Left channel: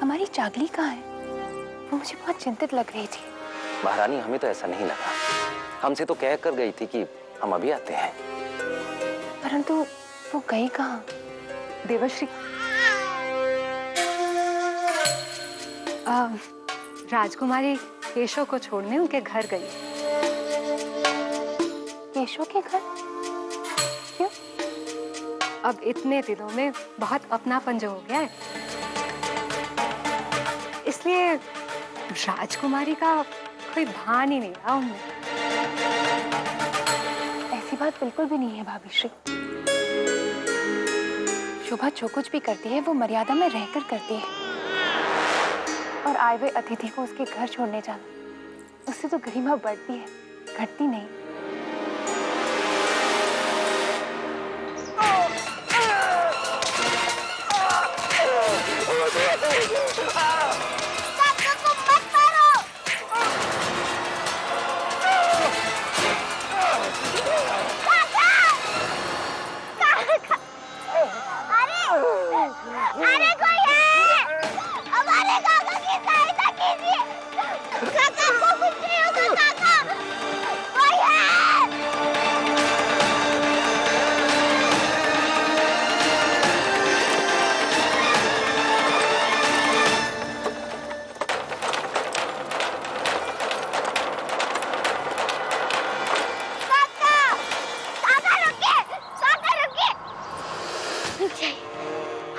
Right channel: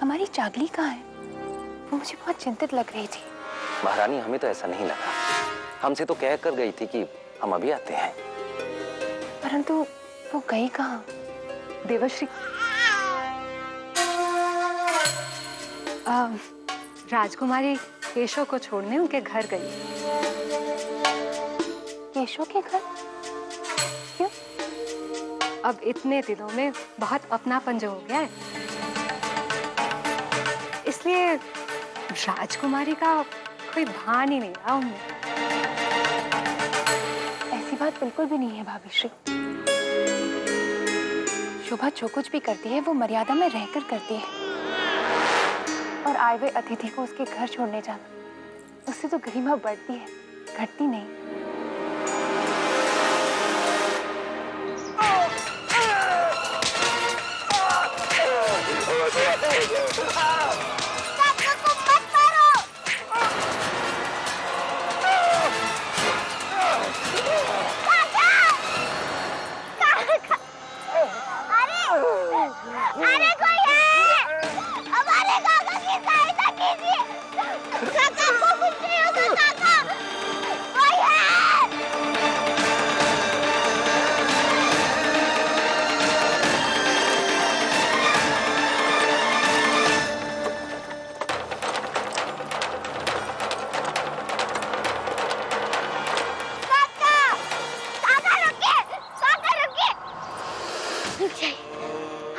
हमारी चागली कहाँ है? वो मुझे बहुत चिंतित लग रही थी। महारानी, हमें तो ऐसा नहीं लगा। हमसे तो कह कर गई थी कि हम अभी आते हैं। परंतु वो गई कहाँ? देवश्री, राजकुमारी केशव को छोड़ने उनके घर गई। केशव के घर? क्यों? अब इतने दिनों में बहुत अपनापन जो हो गया है, इसलिए राजकुमारी का कोई भान ही नहीं रहा उनमें। ऐसी बात बिल्कुल भी नहीं है भाभी श्री। शोभा जो कुछ भी करती है वो मर्यादा में रहकर करती है, और आए हुए अतिथि को उसके घर छोड़ने जाना, उससे तो गरिमा बढ़ती है, घटती नहीं। काका को मत मारो। काका! काका! अरे कोई है! हमारे काका की सहायता कीजिए। काका को कुछ नहीं होगा। काका, कोई है!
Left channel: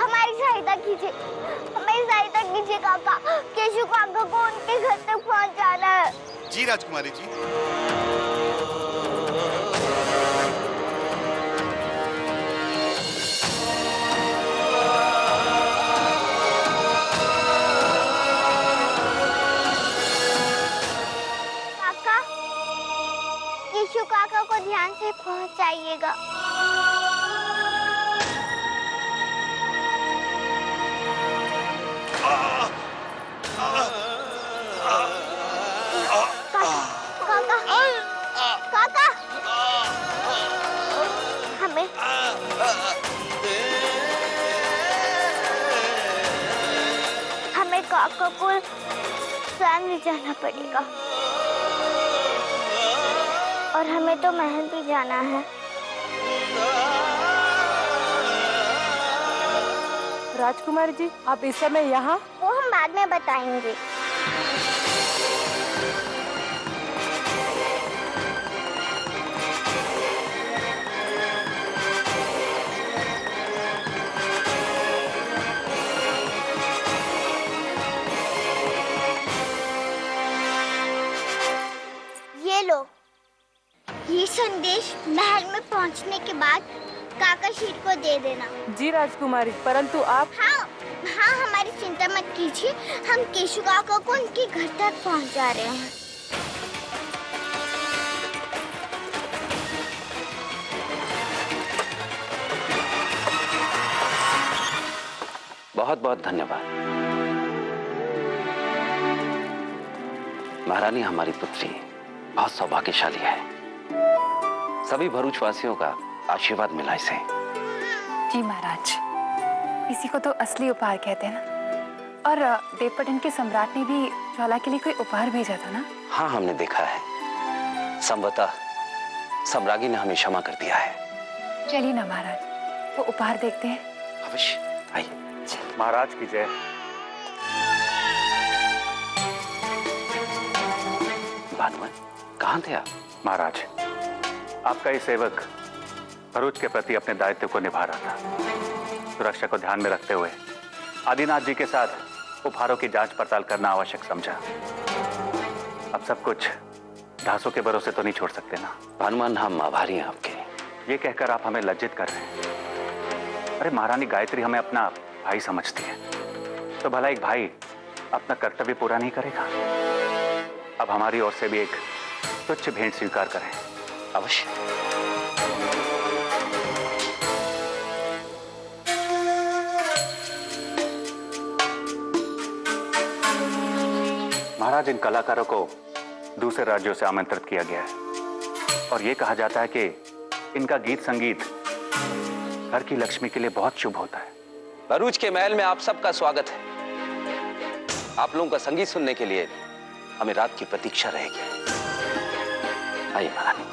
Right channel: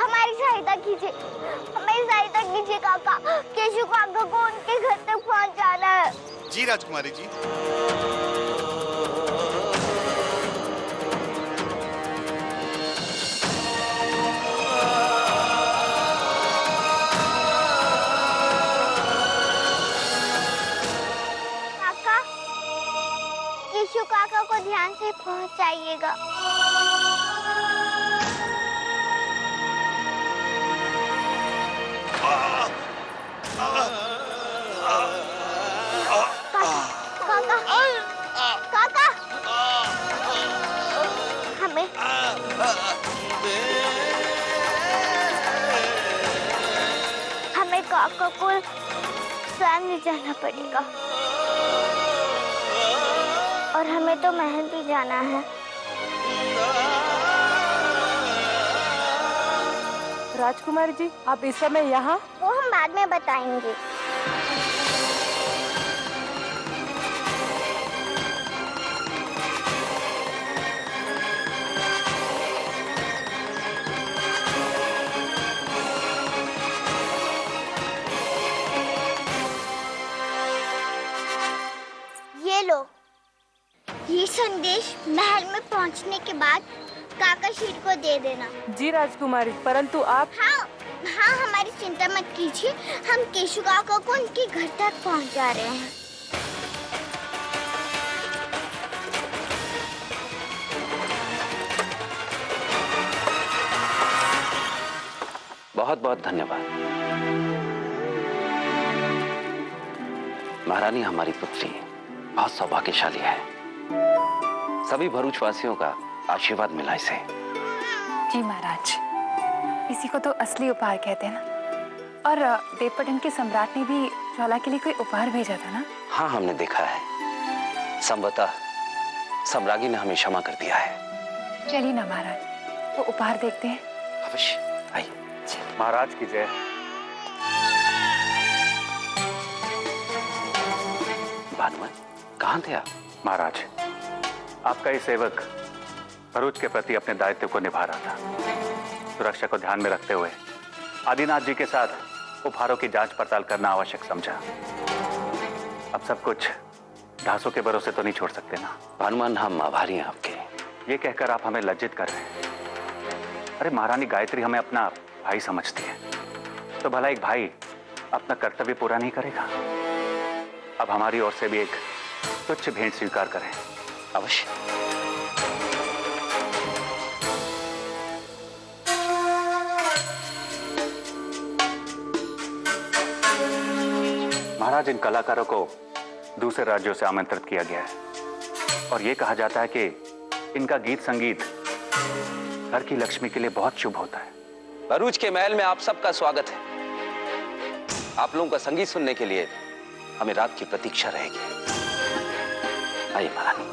हमारी सहायता कीजिए, हमारी सहायता कीजिए काका। केशव काका को उनके घर तक पहुंचाना है। जी राजकुमारी जी। काका, केशव काका को ध्यान से पहुंचाइएगा। काका, हमें काका को स्वयं ले जाना पड़ेगा, और हमें तो महल भी जाना है। राजकुमारी जी, आप इस समय यहाँ? वो हम बाद में बताएंगे। ये लो, ये संदेश महल में पहुंचने के बाद काका शीर को दे देना। जी राजकुमारी, परंतु आप? हाँ, हमारी चिंता मत कीजिए, हम केशव काका को उनके घर तक पहुंचा रहे हैं। बहुत बहुत धन्यवाद महारानी। हमारी पुत्री बहुत सौभाग्यशाली है। सभी भरूच वासियों का आशीर्वाद मिला इसे। जी महाराज, इसी को तो असली उपहार कहते हैं ना। और देवपटन के सम्राट ने भी ज्वाला के लिए कोई उपहार भेजा था ना? हाँ, हमने देखा है। संभवतः सम्राज्ञी ने हमें क्षमा कर दिया है। चलिए ना महाराज, वो उपहार देखते हैं। अवश्य, आइए। महाराज की जय। भानुमान, कहाँ थे आप? महाराज, आपका ये सेवक भरूच के प्रति अपने दायित्व को निभा रहा था। सुरक्षा को ध्यान में रखते हुए आदिनाथ जी के साथ उपहारों की जांच पड़ताल करना आवश्यक समझा। अब सब कुछ दासों के भरोसे तो नहीं छोड़ सकते ना। भानुमान, हम आभारी हैं आपके। ये कहकर आप हमें लज्जित कर रहे हैं। अरे महारानी गायत्री हमें अपना भाई समझती है, तो भला एक भाई अपना कर्तव्य पूरा नहीं करेगा? अब हमारी ओर से भी एक तुच्छ भेंट स्वीकार करें। अवश्य। महाराज, इन कलाकारों को दूसरे राज्यों से आमंत्रित किया गया है, और ये कहा जाता है कि इनका गीत संगीत घर की लक्ष्मी के लिए बहुत शुभ होता है। भरूच के महल में आप सबका स्वागत है। आप लोगों का संगीत सुनने के लिए हमें रात की प्रतीक्षा रहेगी। आइए महारानी।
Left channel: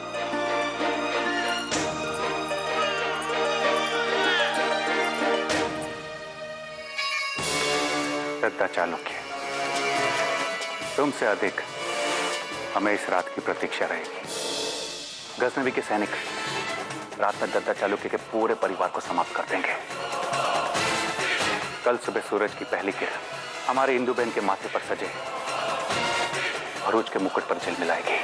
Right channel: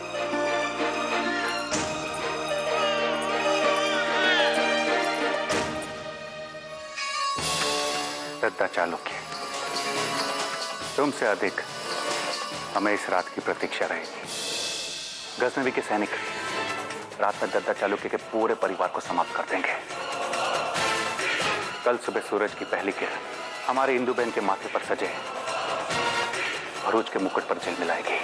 दद्दा चालुक्य, तुमसे अधिक हमें इस रात की प्रतीक्षा रहेगी। गजनवी के सैनिक रात में दद्दा चालुक्य के पूरे परिवार को समाप्त कर देंगे। कल सुबह सूरज की पहली किरण हमारे इंदु बहन के माथे पर सजे भरूच के मुकुट पर झिलमिलाएगी।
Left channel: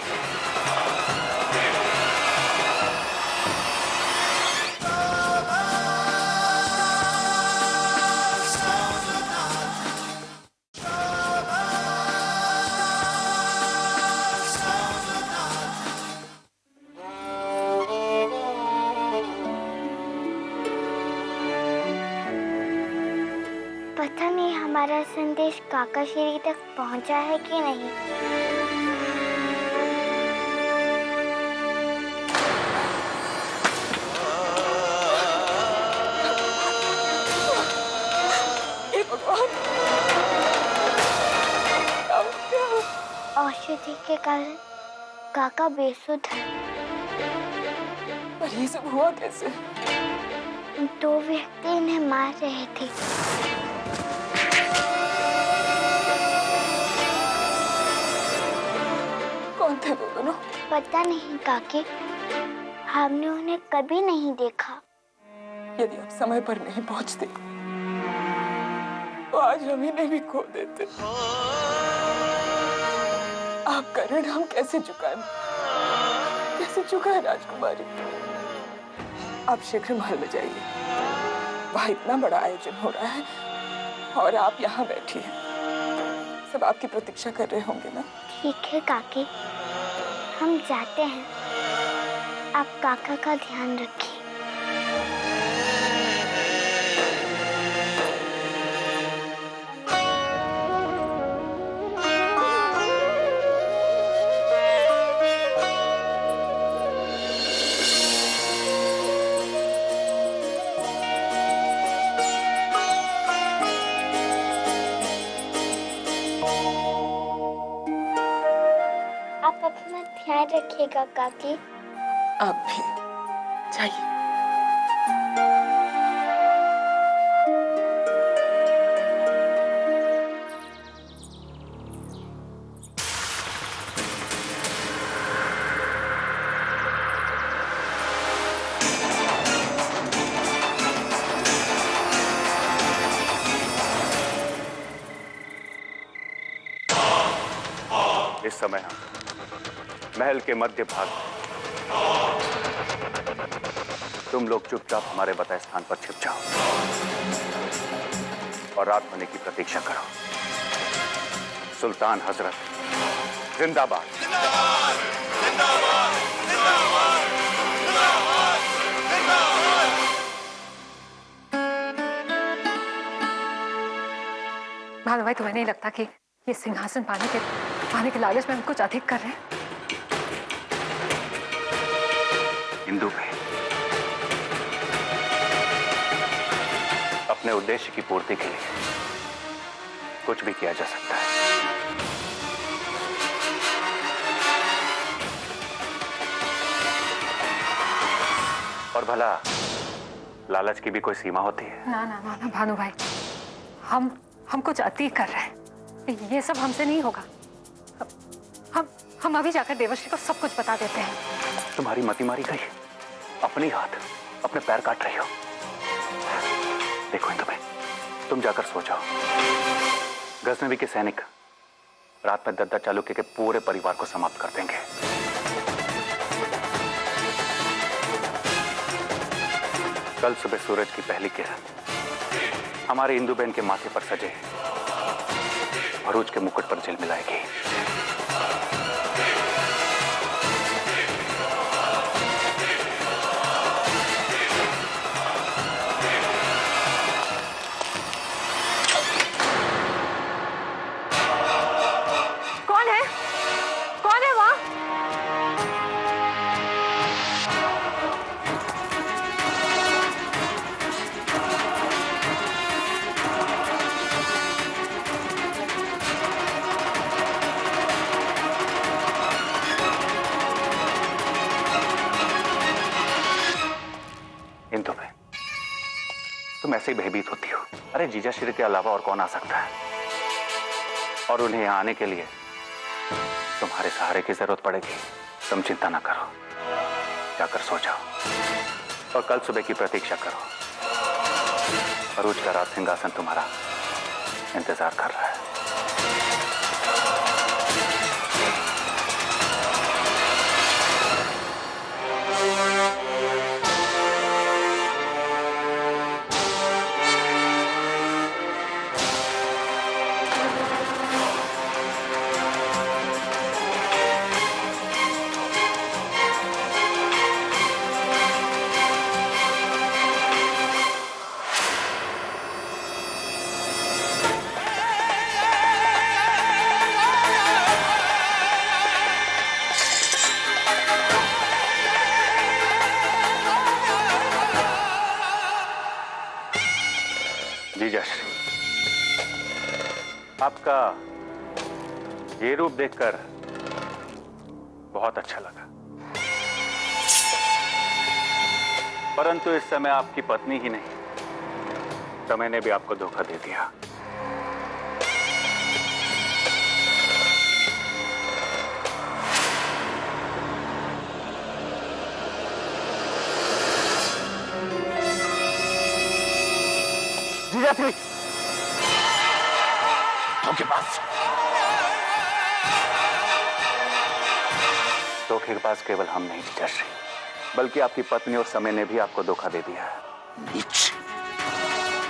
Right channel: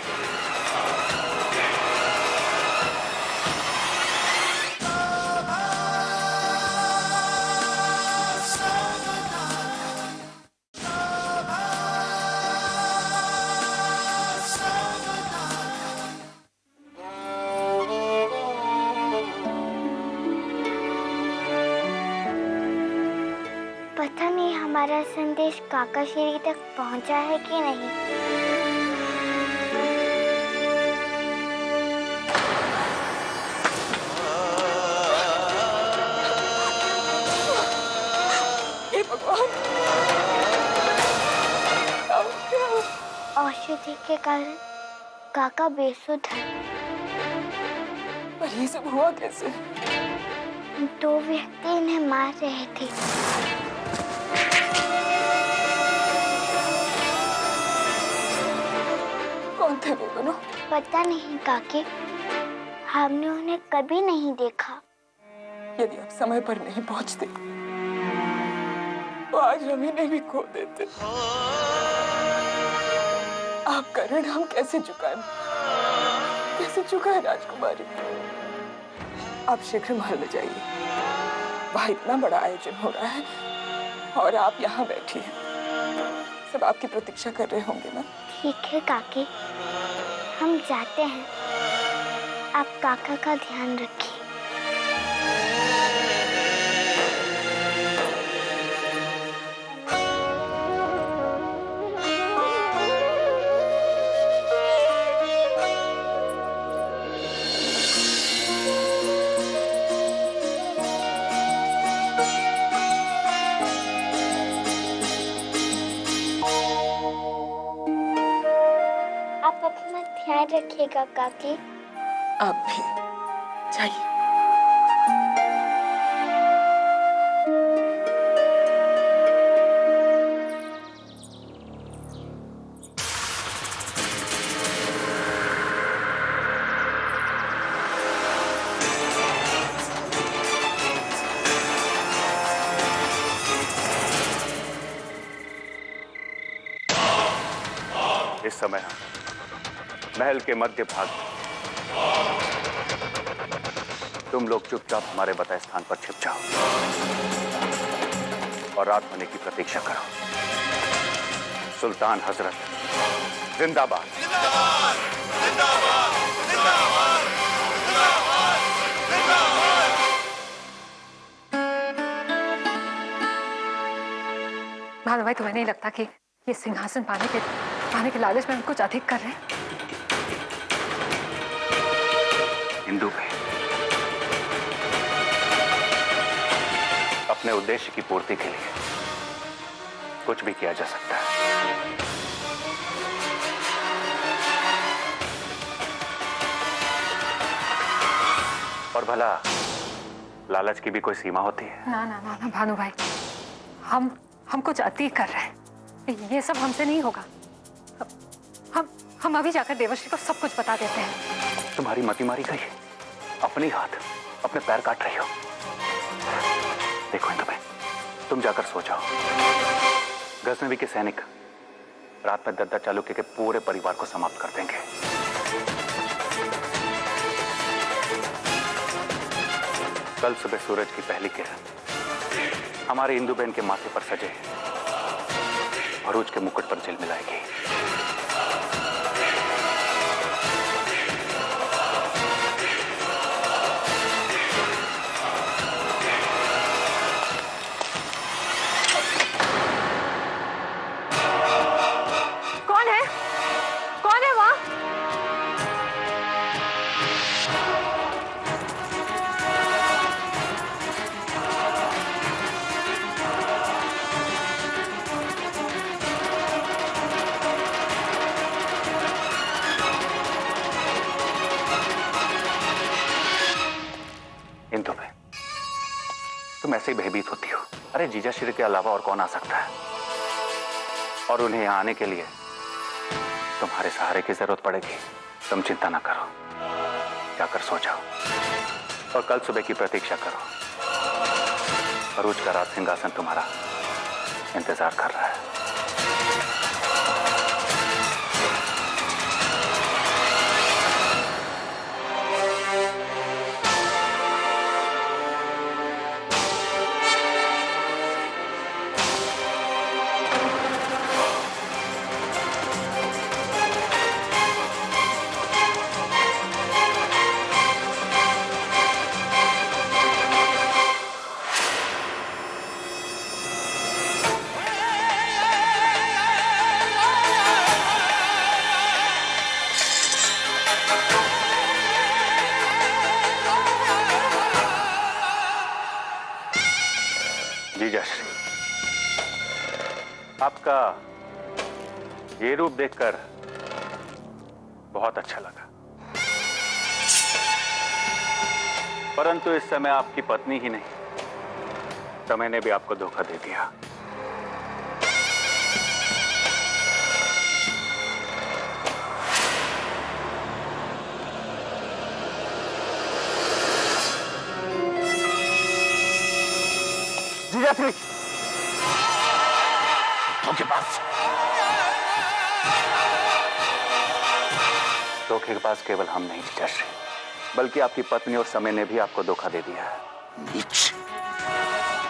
पता नहीं हमारा संदेश काका श्री तक पहुंचा है कि नहीं। हे भगवान, औषधि के कारण काका बेसुध है। पर ये सब हुआ कैसे? दो व्यक्ति इन्हें मार रहे थे। कौन थे वो दोनों? पता नहीं काकी, हमने उन्हें कभी नहीं देखा। यदि आप समय पर नहीं पहुंचते तो आज हम इन्हें भी खो देते। आपका ऋण हम कैसे चुकाएं? कैसे चुकाएं राजकुमारी? आप शीघ्र महल में जाइए। वहाँ इतना बड़ा आयोजन हो रहा है और आप यहाँ बैठी हैं। सब आपकी प्रतीक्षा कर रहे होंगे ना? ठीक है काकी, हम जाते हैं। आप काका का ध्यान रखिए। आप अपना ध्यान रखिएगा काकी। आप भी जाइए। इस समय हम महल के मध्य भाग में। तुम लोग चुपचाप हमारे बताए स्थान पर छिप जाओ और रात होने की प्रतीक्षा करो। सुल्तान हजरत जिंदाबाद। जिंदाबाद, जिंदाबाद, जिंदाबाद, जिंदाबाद, जिंदाबाद। भानु भाई, तुम्हें नहीं लगता कि ये सिंहासन पाने के लालच में हम कुछ अधिक कर रहे हैं? इंदु भाई, अपने उद्देश्य की पूर्ति के लिए कुछ भी किया जा सकता है। और भला लालच की भी कोई सीमा होती है? ना ना ना ना भानु भाई, हम कुछ अति कर रहे हैं। ये सब हमसे नहीं होगा। हम अभी जाकर देवर्षि को सब कुछ बता देते हैं। तुम्हारी मति मारी गई। अपने हाथ अपने पैर काट रही हो। देखो इंदु भाई, तुम जाकर सो जाओ। गजनवी के सैनिक रात में दद्दा चालुक्य के पूरे परिवार को समाप्त कर देंगे। कल सुबह सूरज की पहली किरण हमारे इंदु बहन के माथे पर सजे भरूच के मुकुट पर झिलमिलाएगी। कौन है वहाँ? तुम ऐसे ही भयभीत होती हो। अरे जीजा श्री के अलावा और कौन आ सकता है? और उन्हें यहाँ आने के लिए तुम्हारे सहारे की जरूरत पड़ेगी। तुम चिंता ना करो, जाकर सो जाओ और कल सुबह की प्रतीक्षा करो। अरूज का राज सिंहासन तुम्हारा इंतजार कर रहा है। जीजाश्री, आपका ये रूप देखकर बहुत अच्छा लगा, परंतु इस समय आपकी पत्नी ही नहीं, समय ने भी आपको धोखा दे दिया। जीजाश्री, धोखेबाज। धोखेबाज केवल हम नहीं जीजाश्री, बल्कि आपकी पत्नी और समय ने भी आपको धोखा दे दिया है। नीच,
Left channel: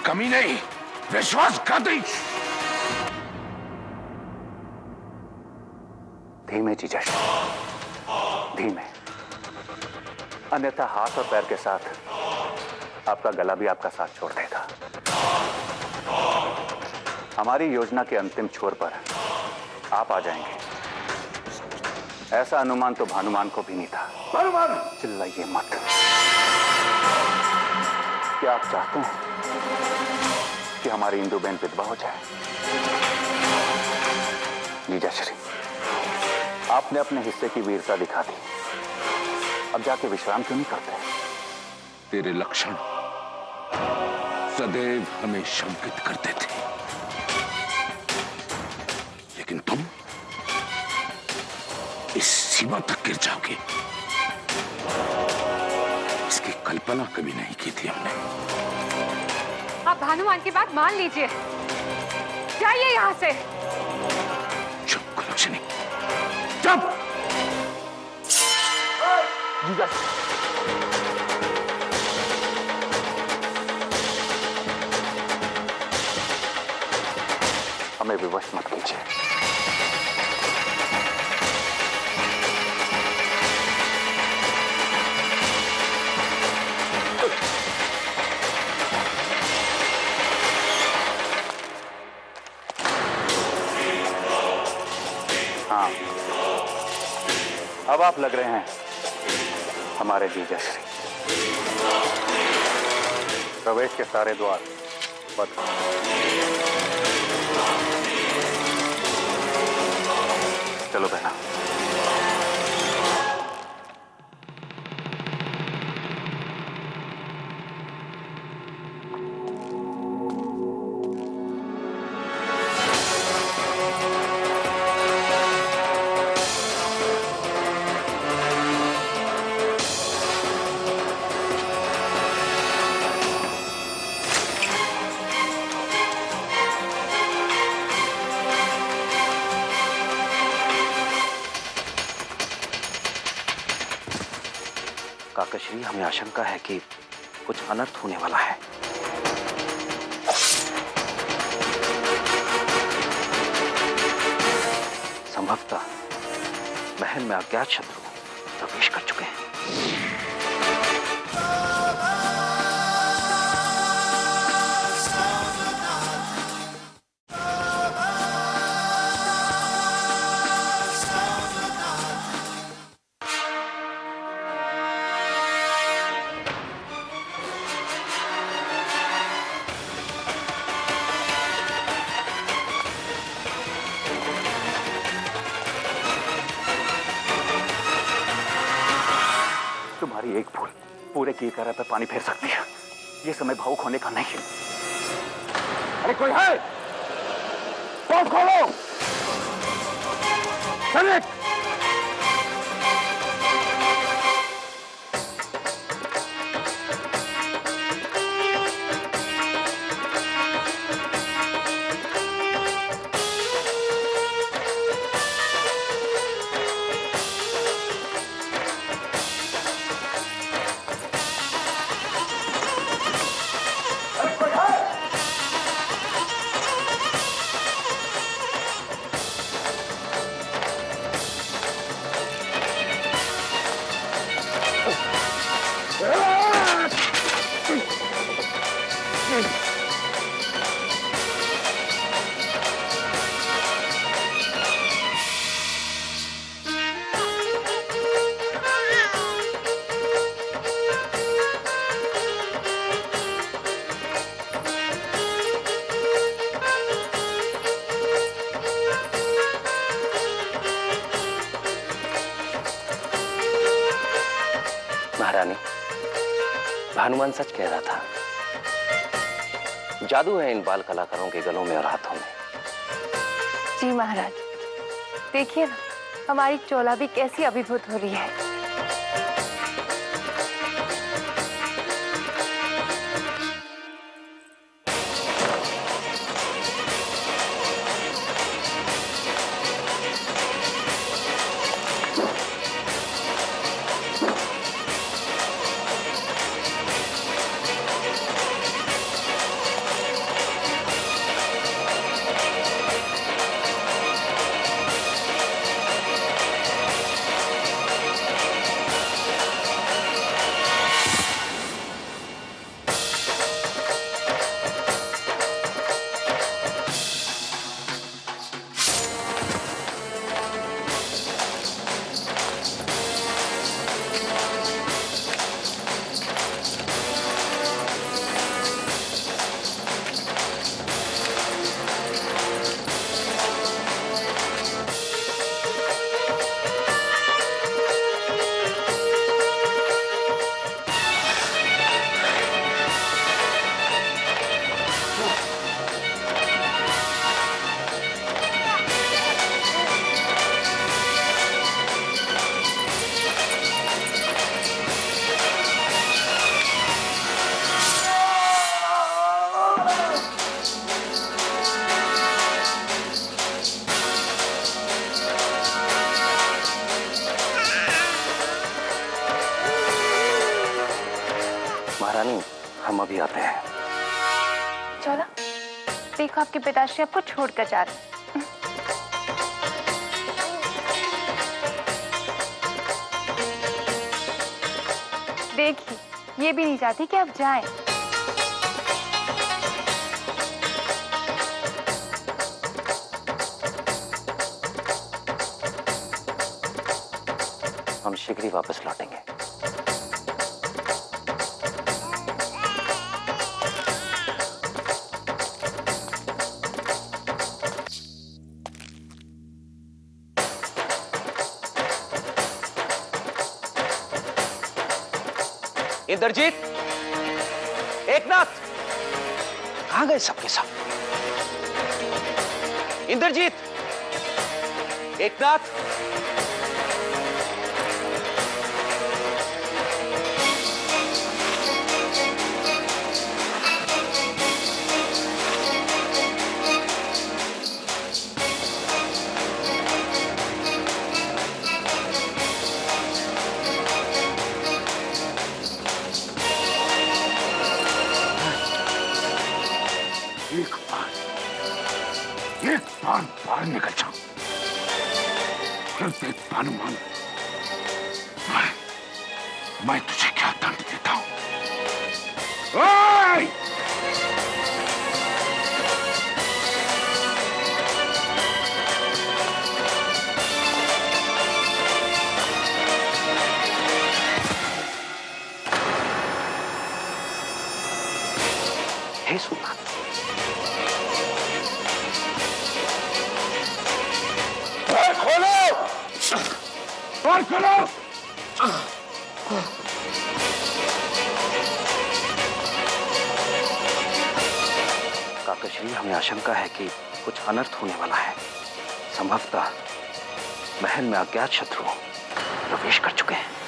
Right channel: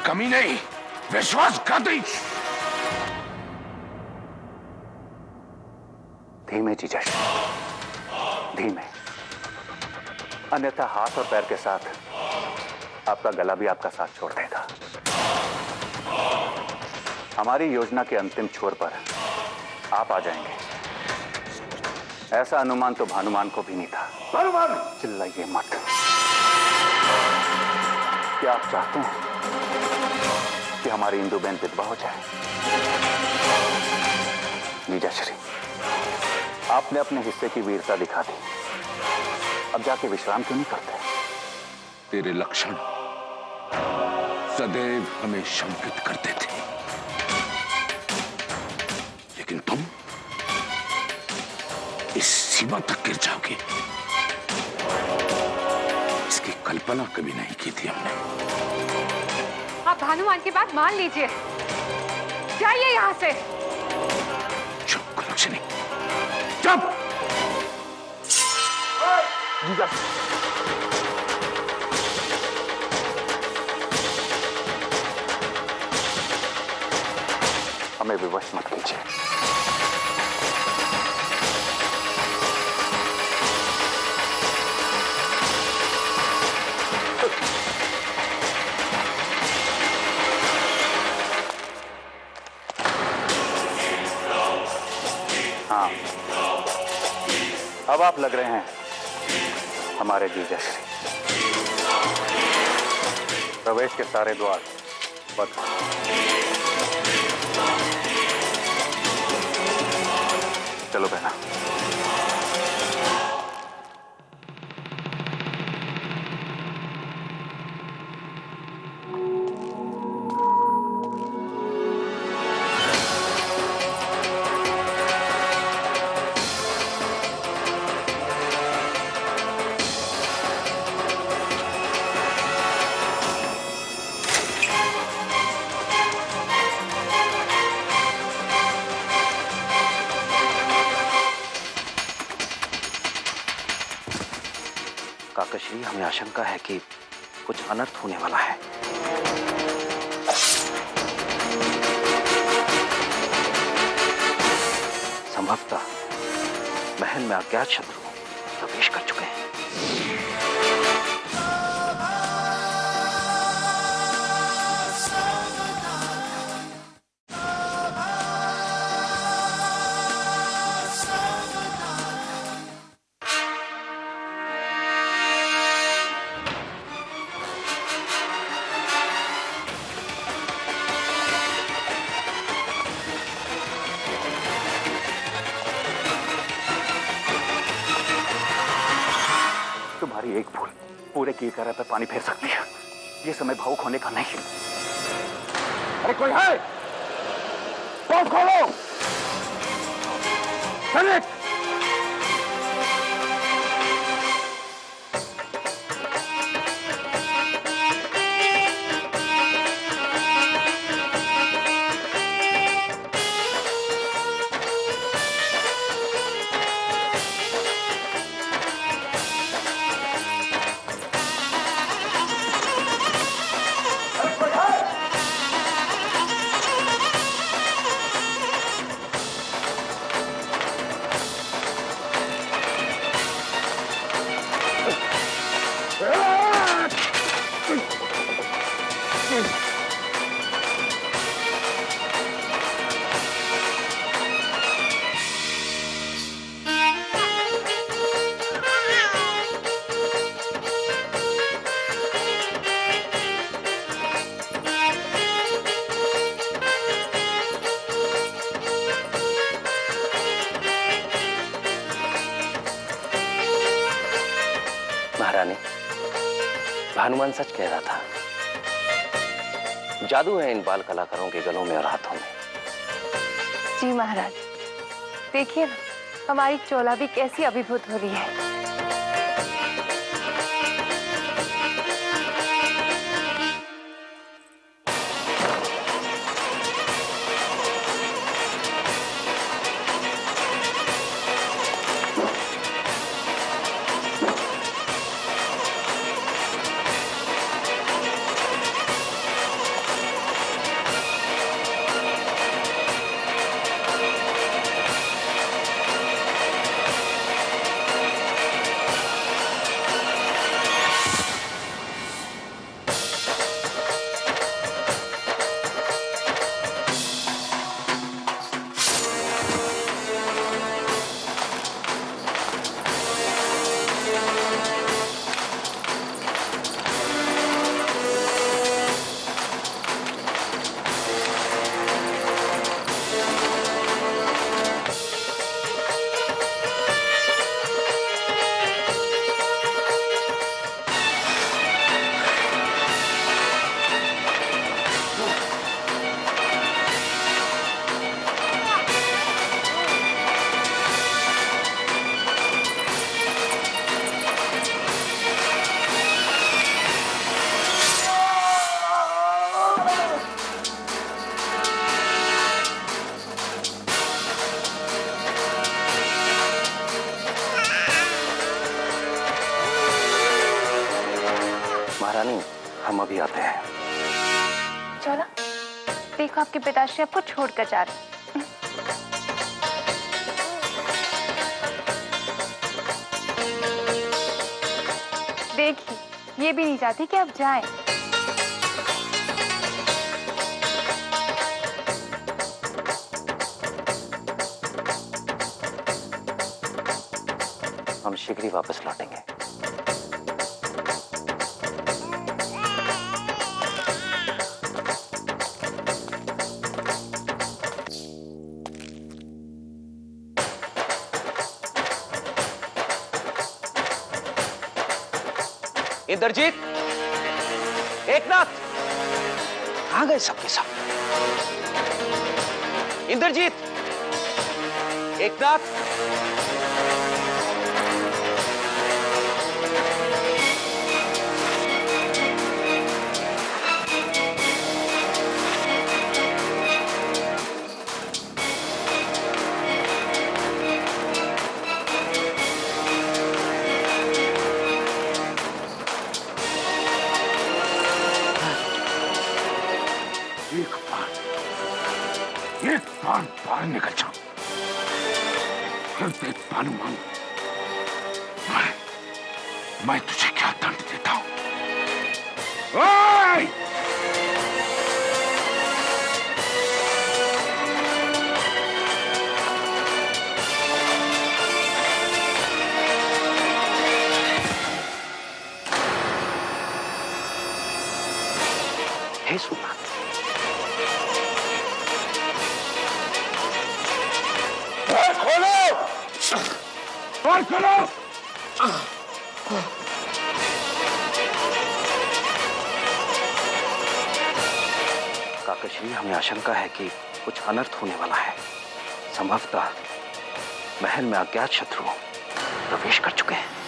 कमी नहीं, विश्वासघाती। धीमे जीजाश्री, धीमे, अन्यथा हाथ और पैर के साथ आपका गला भी आपका साथ छोड़ देगा। हमारी योजना के अंतिम छोर पर आप आ जाएंगे, ऐसा अनुमान तो भानुमान को भी नहीं था। भानुमान, चिल्लाइए मत। क्या आप चाहते हैं कि हमारी इंदु बहन विधवा हो जाए? जीजाश्री, आपने अपने हिस्से की वीरता दिखा दी, अब जाके विश्राम क्यों नहीं करते? तेरे लक्षण सदैव हमें शंकित करते थे, लेकिन तुम इस सीमा तक गिर जाओगे, इसकी कल्पना कभी नहीं की थी हमने। आप भानुमान की बात मान लीजिए, जाइए यहां से। चुप करो लक्ष्मी, चुप। हमें विवश मत कीजिए। हाँ, अब आप लग रहे हैं हमारे जीजाश्री। प्रवेश के सारे द्वार बंद। चलो बहना। काकाश्री, हमें आशंका है कि कुछ अनर्थ होने वाला है। संभवतः महल में अज्ञात शत्रु प्रवेश कर चुके हैं। तुम्हारी एक भूल पूरे कीर्तन पर पानी फेर सकती है। ये समय भावुक होने का नहीं है। अरे कोई है? पोर्ट खोलो। सैनिक! महारानी, भानुमान सच कह रहा था। जादू है इन बाल कलाकारों के गलों में और हाथों में। जी महाराज, देखिए ना, हमारी चोला भी कैसी अभिभूत हो रही है। महारानी, हम अभी आते हैं। चोला, देखो आपके पिताश्री आपको छोड़कर जा रहे हैं। देखिए, ये भी नहीं चाहती कि आप जाएं। हम शीघ्र ही वापस लौटेंगे। इंद्रजीत, एकनाथ, कहां गए सबके सब? इंद्रजीत, एकनाथ, एक बार बाहर निकल जाओ, फिर देख भानुमान, मैं तुझे क्या दंड देता हूं। ओए! हे सुना, खोलो, और खोलो। काकश्री, हमें आशंका है कि कुछ अनर्थ होने वाला है। संभवतः महल में अज्ञात शत्रु प्रवेश कर चुके हैं।